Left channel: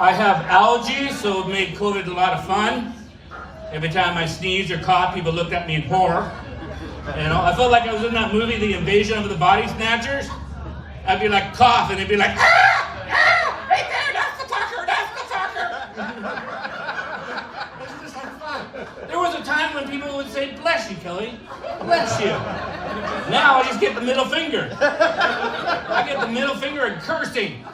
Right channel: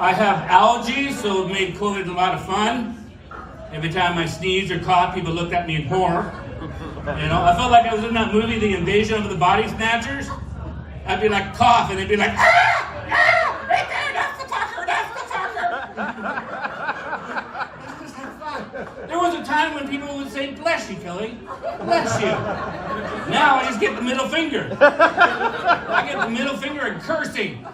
I have allergies, so it made COVID a lot of fun. Every time I sneezed or coughed, people looked at me in horror. You know, I felt like I was in that movie, The Invasion of the Body Snatchers. I'd be like cough, and they'd be like, right there, that's the fucker. It's just like fun. There was a time when people would say, bless you, Kelly, bless you. Now I just get the middle finger. I get the middle finger and cursing.